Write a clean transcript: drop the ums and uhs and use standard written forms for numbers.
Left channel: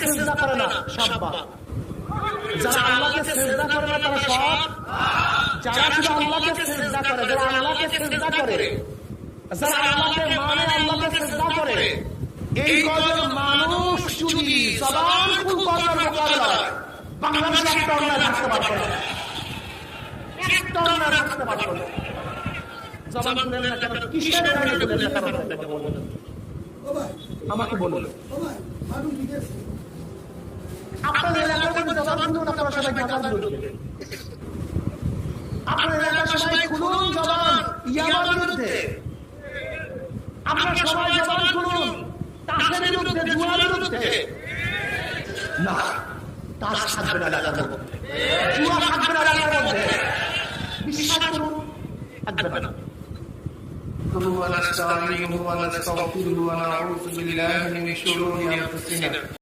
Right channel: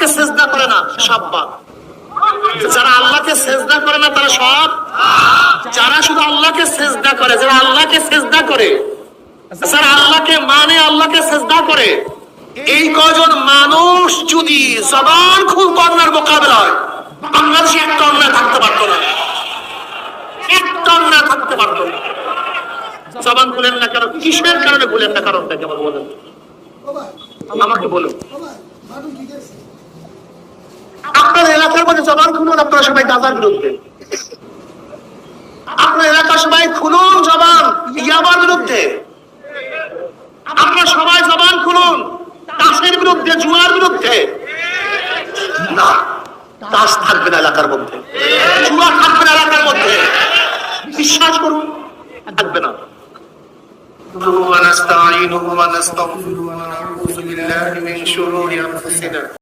আল্লাহকে সিজদা করে না সব বাদ। যারা আল্লাহকে সিজদা করে না তারা সব, যারা শুধু আল্লাহকে সিজদা করে, যারা আল্লাহকে সিজদা করে, যারা আল্লাহকে মানে, আল্লাহকে সিজদা করে, এই কয়জন মানুষ যদি জবান খুব কন্যার মোকাবেলায় বাংলাদেশে একটা অন্যায় থাকতে পারতো না, একটা অন্যায় থাকতে পারতো না। জবান খুলেন না কেন? কিসের কারণে খুলেন না? কারণটা কেমন বলেন আমাকে বলুন। আপনার এলাকার মধ্যে জবান খুলুন, আপনারা সবাই গাঁজার বিরুদ্ধে। আপনার এলাকার সবাই খুলুন জবান ইয়াবার বিরুদ্ধে। আপনারা সবাই জবান খুলুন তাসের বিরুদ্ধে, জুয়ার বিরুদ্ধে। না, তাস থাকবে না এলাকার মধ্যে, জুয়া থাকবে না এলাকার মধ্যে, বিশ্বাস করুন, থাকবে না। ونستعينه ونستغفره ونعوذ بالله من شرور أنفسنا